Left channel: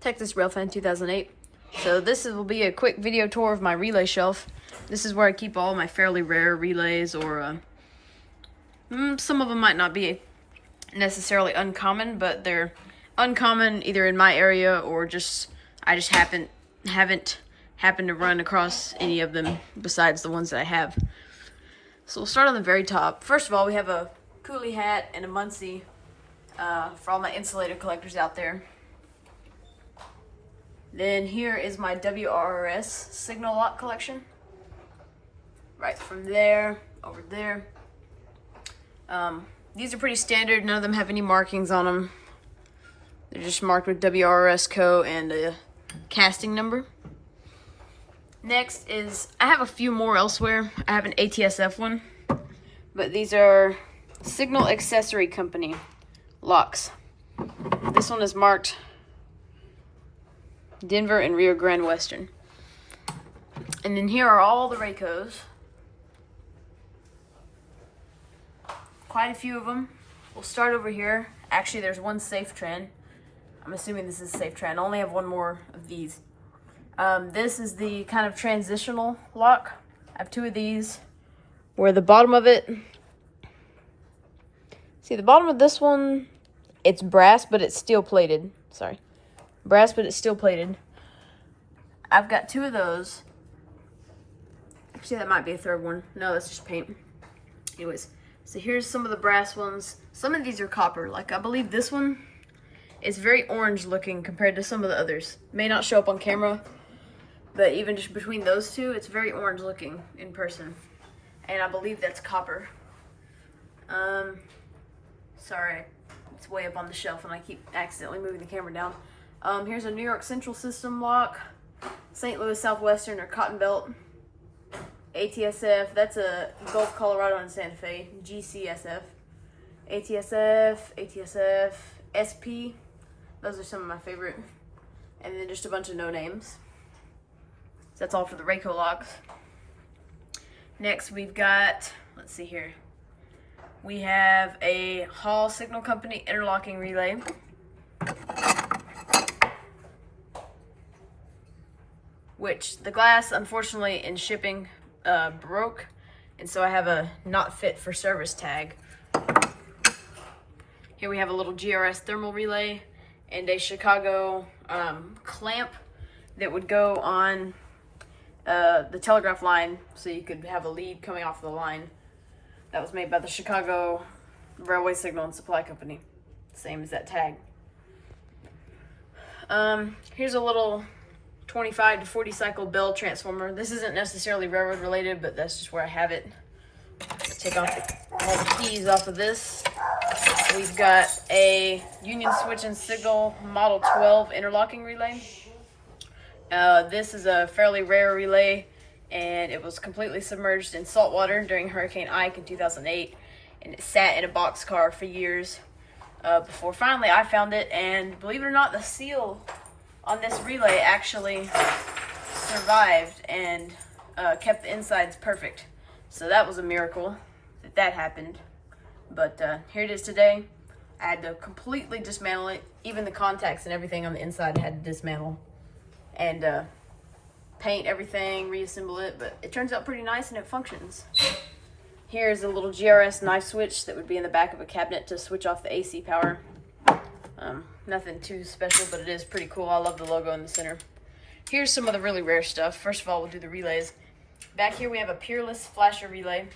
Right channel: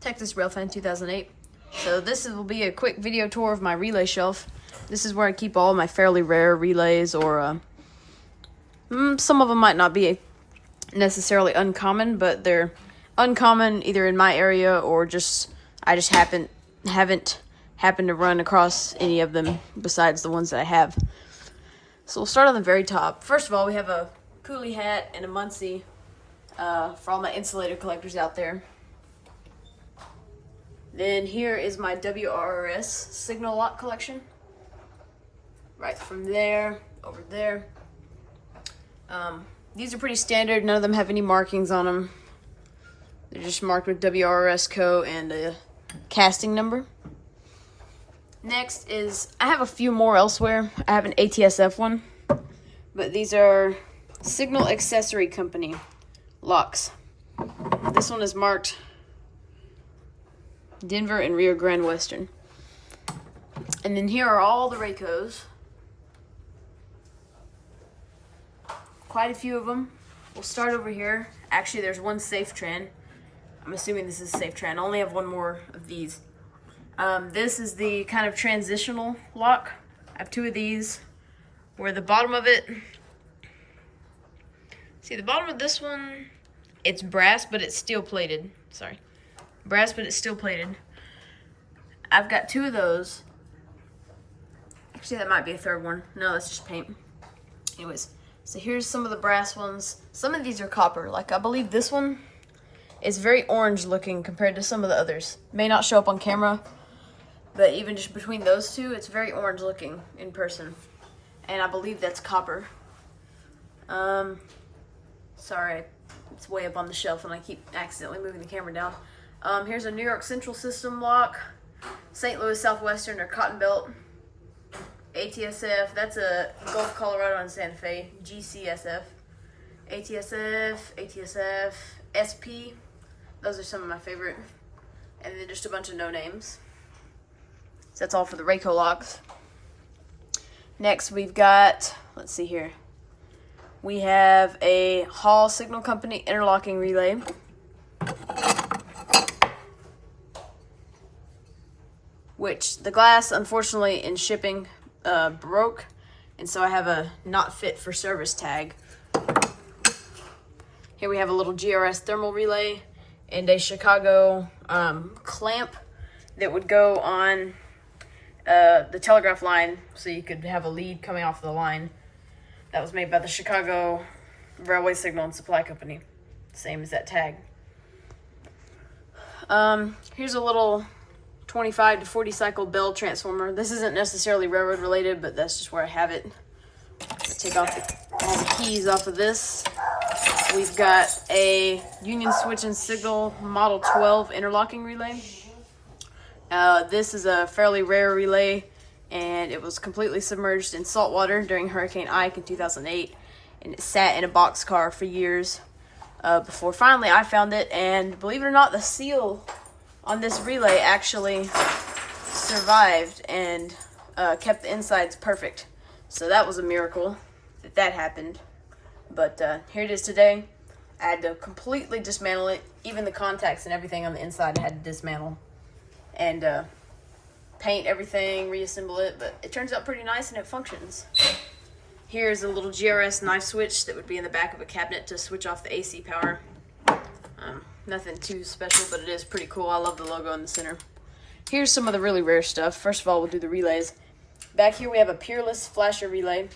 Texas Railfan 2008. So this will be a quick video tour of my relay shelf. This is where I keep all my fairly rare relays, or some of them might not be necessarily uncommon, but they're uncommon either in my area or just I just haven't happened to run across any of them besides the ones that I have. So we'll start on the very top. First of all, we have a Cooley hat and a Muncie for all my insulator collectors out there. Then here is my WRS signal lock collection. Right from there, over there. These are pretty standard. None of them have any markings on them. They're just marked with WRS Co. and a casting number. Next is, I have a few more elsewhere. I have an ATSF one, but these are Signal Accessory Company locks. This one is marked Denver and Rio Grande Western. And then here are all the Raycos. Quite a few of them. We'll start over here. Actually, there's one SafeTran. I'm assuming this is SafeTran. I only have one more of these. This is the kind of transitional lock. I have two of these where the bottom of it, see the bottom of this one, it's brass, but it's steel plated. Sorry. Brass, but it's steel plated. I've got two of those. Actually, that might be a third one. No, that's just paint. Anyways, so here's some of the brass ones. Some of these are copper. Like, I believe this one is very orange looking compared to some of the others. May not show up on camera, but even just between those two, it's very orange looking in person. And I believe that's copper. Sorry, it's way up on the shelf and I keep accidentally moving the camera down. Here's a New York Central System lock, St. Louis Southwestern or Cotton Belt, ATSF, that's a Gulf, Colorado and Santa Fe, GCSF, ATSF, SP, those are some of my favorite, and then just a bunch of no names. So that's all for the Rayco locks. Next we've got, let's see here, we have a Hall Signal Company interlocking relay. Which the glass, unfortunately, in shipping broke, and so I have a not fit for service tag. Here we have a little GRS thermal relay and a Chicago clamp that would go on the telegraph line so you could have a lead coming off the line. That was made by the Chicago Railway Signal and Supply Company. Same as that tag. Here's a little 25 to 40 cycle bell transformer. This isn't necessarily railroad related, but that's just where I have it. Let's take off all the keys off of this. We've got a Union Switch and Signal Model 12 interlocking relay. This is a fairly rare relay, and it was completely submerged in salt water during Hurricane Ike in 2008, and it sat in a boxcar for years before finally I found it, and believe it or not, the seal on this relay actually survived and kept the insides perfect. So that was a miracle that happened. But here it is today. I had to completely dismantle it. Even the contacts and everything on the inside I had to dismantle. And paint everything, reassemble it. But it turns out pretty nice and it functions. Here's a little GRS knife switch that would be in the back of a cabinet to switch off the AC power. Nothing too special, but it is pretty cool. I love the logo in the center. Here's some of the really rare stuff. First of all, we'll do the relays. Back here we have a Peerless flasher relay.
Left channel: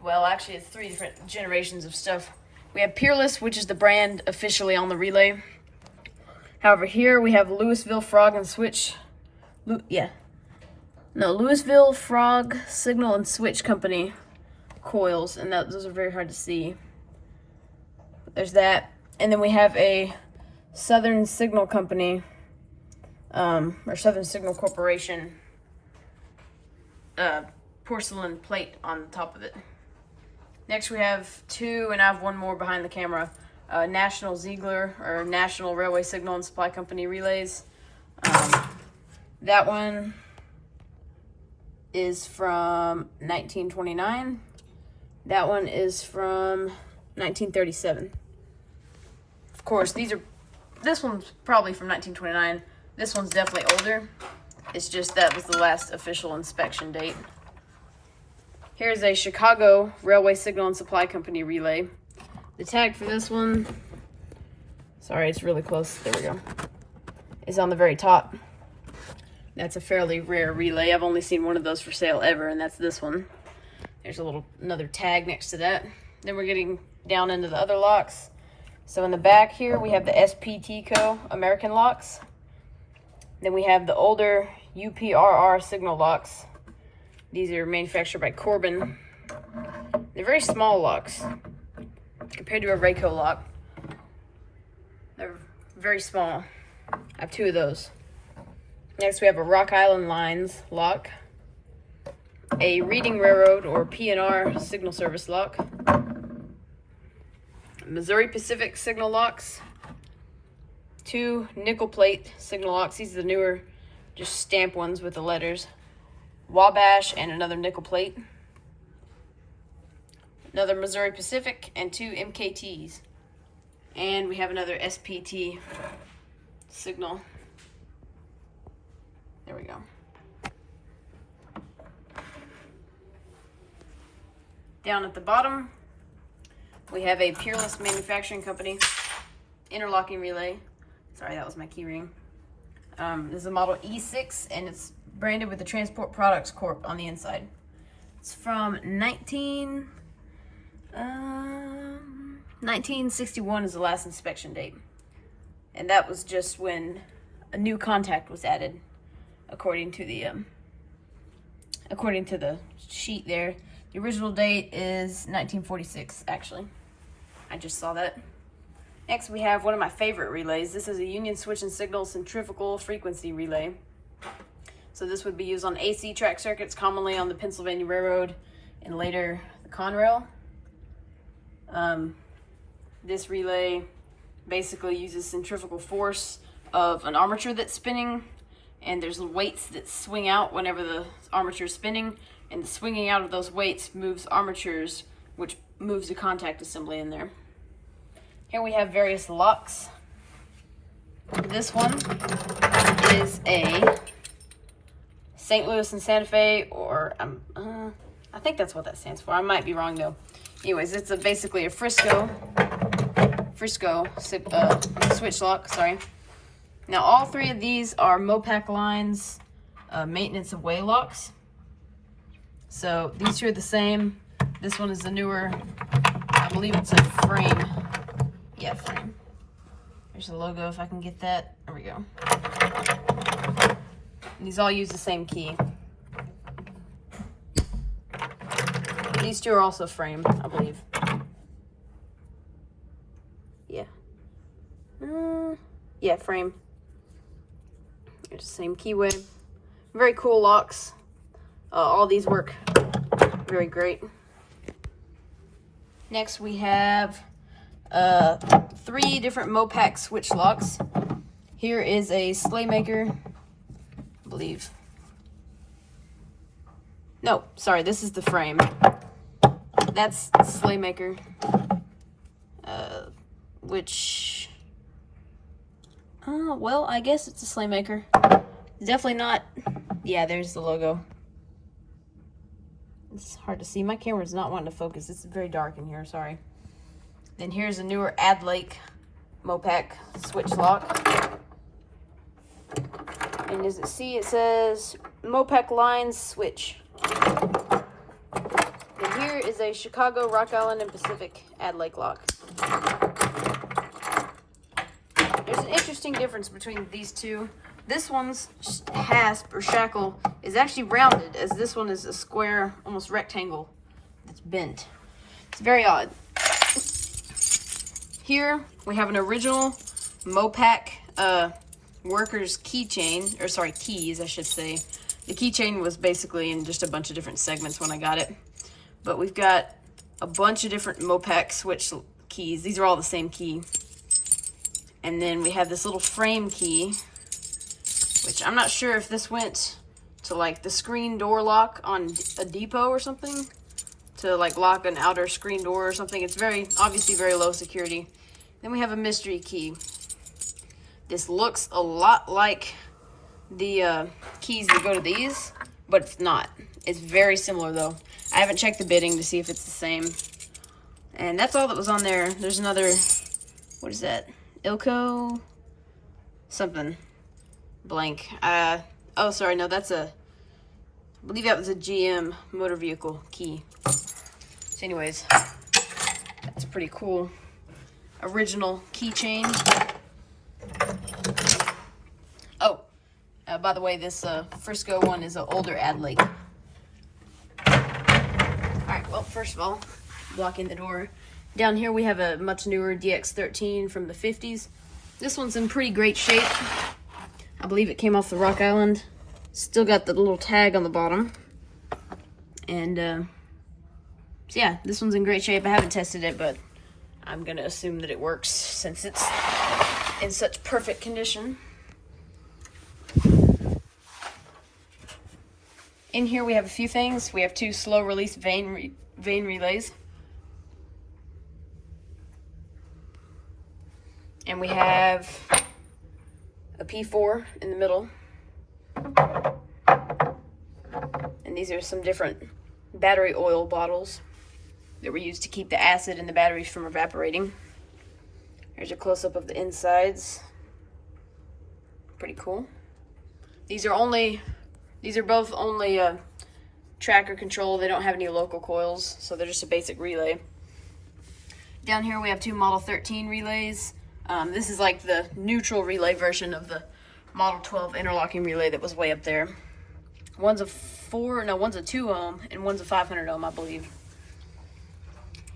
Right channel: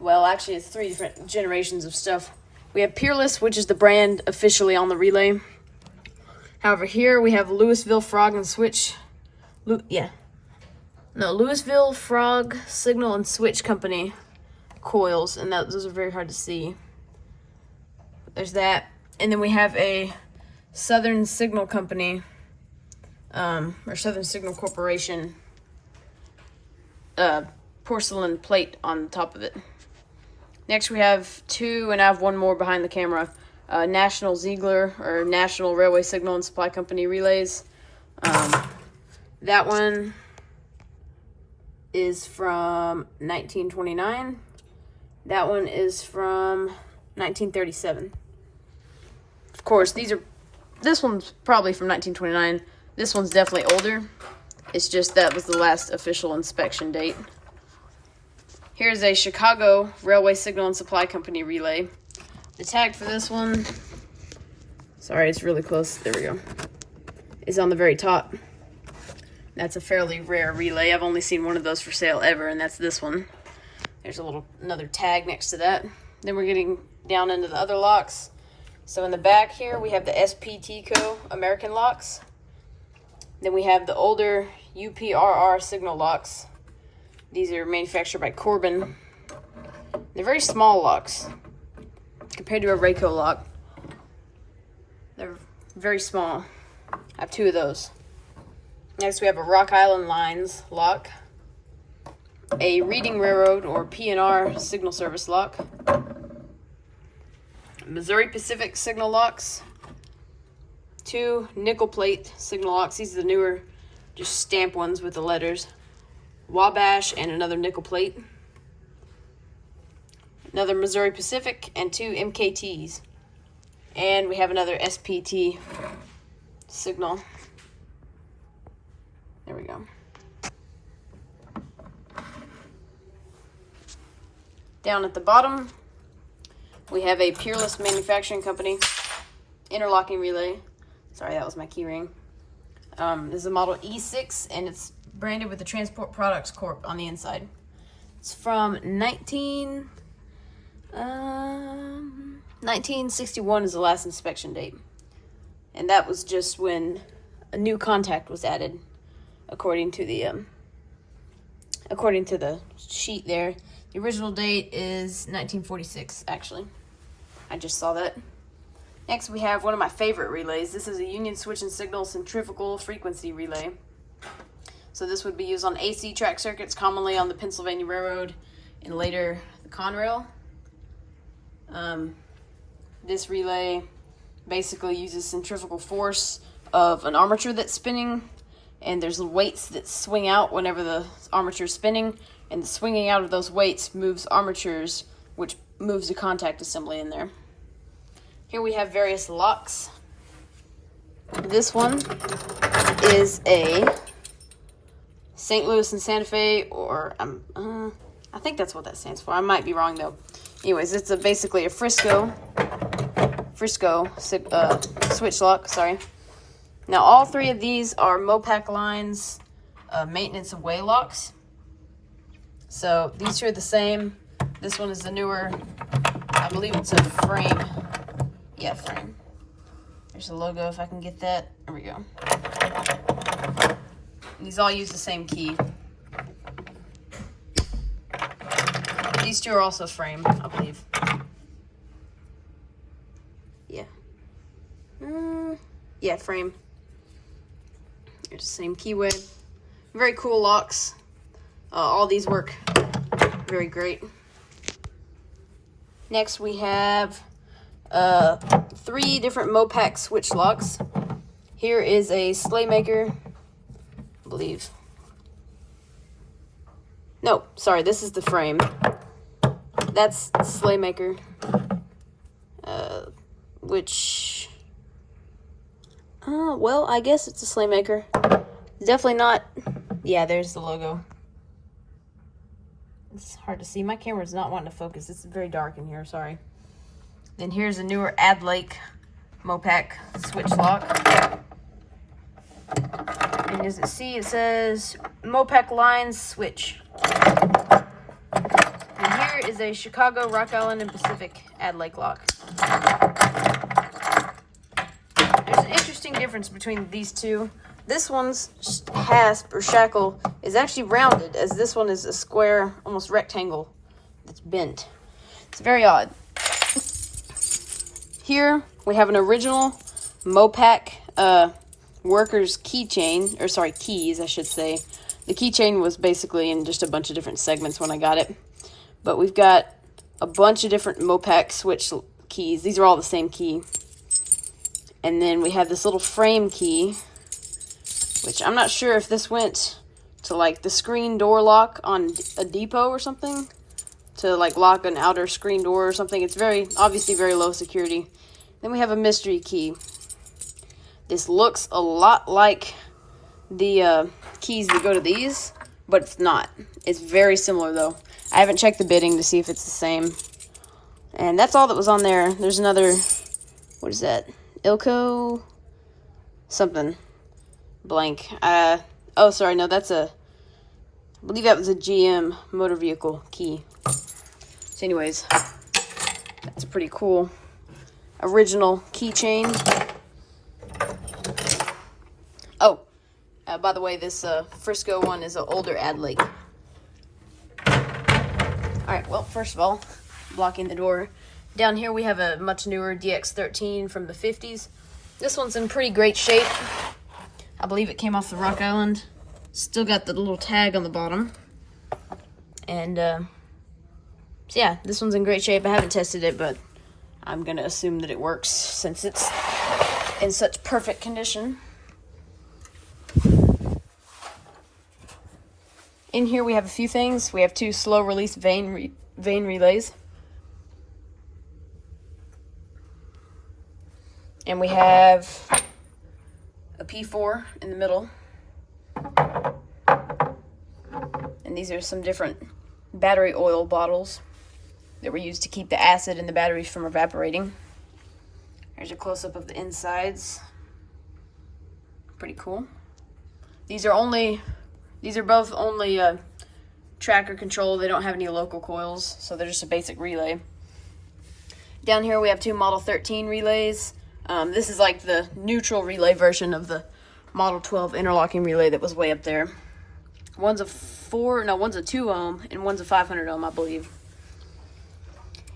Well, actually it's three different generations of stuff. We have Peerless, which is the brand officially on the relay. However, here we have Louisville Frog and Switch. Louisville Frog Signal and Switch Company coils, and those are very hard to see. There's that. And then we have a Southern Signal Company, or Southern Signal Corporation porcelain plate on the top of it. Next we have two, and I have one more behind the camera, National Ziegler, or National Railway Signal and Supply Company relays. That one is from 1929. That one is from 1937. Of course, these are this one's probably from 1929. This one's definitely older. It's just that was the last official inspection date. Here's a Chicago Railway Signal and Supply Company relay. The tag for this one, sorry, it's really close, there we go, is on the very top. That's a fairly rare relay. I've only seen one of those for sale ever, and that's this one. There's another tag next to that. Then we're getting down into the other locks. So in the back here, we have the SPT Co. American locks. Then we have the older UPRR signal locks. These are manufactured by Corbin. They're very small locks compared to a Rayco lock. They're very small. I have 2 of those. Next, we have a Rock Island Lines lock, a Reading Railroad or P&R signal service lock, Missouri Pacific signal locks, 2 nickel plate signal locks. These are the newer, just stamp ones with the letters. Wabash and another nickel plate. Another Missouri Pacific and 2 MKTs. And we have another SPT signal. There we go. Down at the bottom, we have a Peerless Manufacturing Company interlocking relay. Sorry, that was my key ring. This is a model E6, and it's branded with the Transport Products Corp on the inside. It's from 1961 is the last inspection date. And that was just when a new contact was added, according to the sheet there. The original date is 1946, actually. I just saw that. Next, we have one of my favorite relays. This is a Union Switch and Signal Centrifugal Frequency Relay. So this would be used on AC track circuits, commonly on the Pennsylvania Railroad and later the Conrail. This relay basically uses centrifugal force of an armature that's spinning, and there's weights that swing out whenever the armature is spinning, and the swinging out of those weights moves armatures, which moves the contact assembly in there. Here we have various locks. This one is a St. Louis and Santa Fe, or I think that's what that stands for. I might be wrong though. Anyways, it's basically a Frisco switch lock. Sorry. Now all 3 of these are Mopac Lines maintenance away locks. So these 2 are the same. This one is the newer. I believe it's a frame. Yeah, frame. There's the logo if I can get that. There we go. These all use the same key. These 2 are also frame, I believe. Yeah. Yeah, frame. There's the same keyway. Very cool locks. All these work very great. Next we have 3 different Mopac switch locks. Here is a Slaymaker, I believe. No, sorry, this is the frame. That's Slaymaker, which, well, I guess it's a Slaymaker. It's definitely not, yeah, there's the logo. It's hard to see. My camera's not wanting to focus. It's very dark in here, sorry. Then here's a newer Ad Lake Mopac switch lock. And as you see, it says Mopac Lines Switch. And here is a Chicago, Rock Island, and Pacific Ad Lake lock. There's an interesting difference between these 2. This one's hasp or shackle is actually rounded, as this one is a square, almost rectangle that's bent. It's very odd. Here we have an original Mopac workers keychain, or sorry, keys, I should say. The keychain was basically in just a bunch of different segments when I got it. But we've got a bunch of different Mopac switch keys. These are all the same key. And then we have this little frame key, which I'm not sure if this went to like the screen door lock on a depot or something, to like lock an outer screen door or something. It's obviously very low security. Then we have a mystery key. This looks a lot like the keys that go to these, but it's not. It's very similar though. I haven't checked the bidding to see if it's the same. And that's all that was on there. There's another, what is that? Ilco something blank. Oh, sorry, no, that's I believe that was a GM motor vehicle key. So anyways, that's a pretty cool original keychain. Oh, by the way, this Frisco one is an older Adlake. Alright, well, first of all, blocking the door. Down here we have a much newer DX13 from the 50s. This one's in pretty great shape. I believe it came off the Rock Island. Still got the little tag on the bottom. And, so yeah, this one's in great shape. I haven't tested it, but I'm going to assume that it works since it's in such perfect condition. In here we have a few things. We have 2 slow release vane relays. And we have a P4 in the middle. And these are some different battery oil bottles that were used to keep the acid in the batteries from evaporating. Here's a close-up of the insides. Pretty cool. These are both only tracker control. They don't have any local coils, so they're just a basic relay. Down here we have 2 Model 13 relays. This is like the neutral relay version of the Model 12 interlocking relay that was way up there. One's a 2 ohm and one's a 500 ohm, I believe.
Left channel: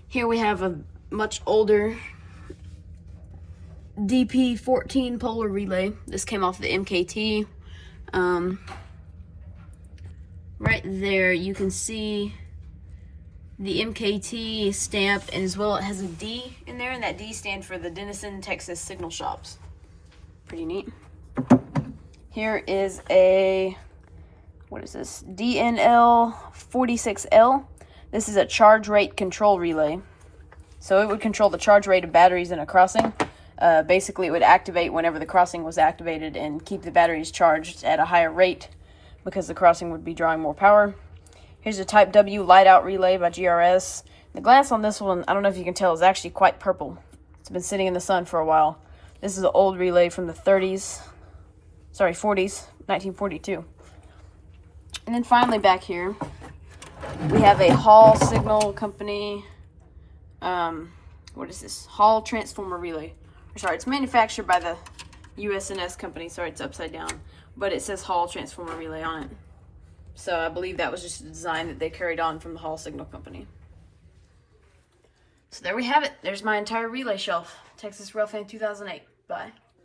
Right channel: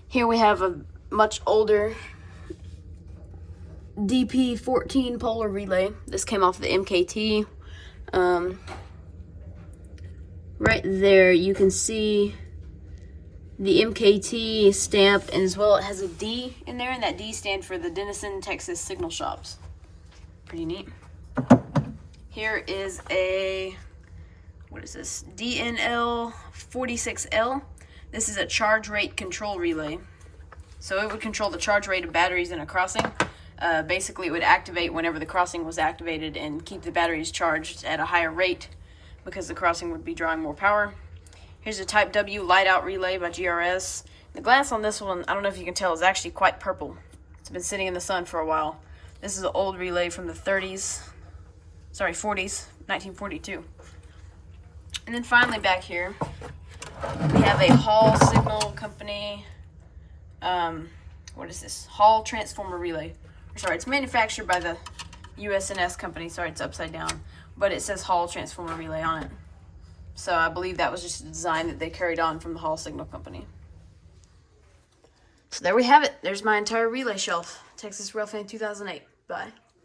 Here we have a much older DP14 polar relay. This came off the MKT. Right there you can see the MKT stamp, and as well it has a D in there, and that D stands for the Denison, Texas Signal Shops. Pretty neat. Here is a, what is this? DNL46L. This is a charge rate control relay. So it would control the charge rate of batteries in a crossing. Basically it would activate whenever the crossing was activated and keep the batteries charged at a higher rate because the crossing would be drawing more power. Here's a Type W light out relay by GRS. The glass on this one, I don't know if you can tell, is actually quite purple. It's been sitting in the sun for a while. This is an old relay from the 40s, 1942. And then finally back here, we have a Hall Signal Company, what is this? Hall Transformer Relay. Sorry, it's manufactured by the US&S company. Sorry, it's upside down. But it says Hall Transformer Relay on it. So I believe that was just a design that they carried on from the Hall Signal Company. So there we have it. There's my entire relay shelf. Texas Railfan 2008. Bye.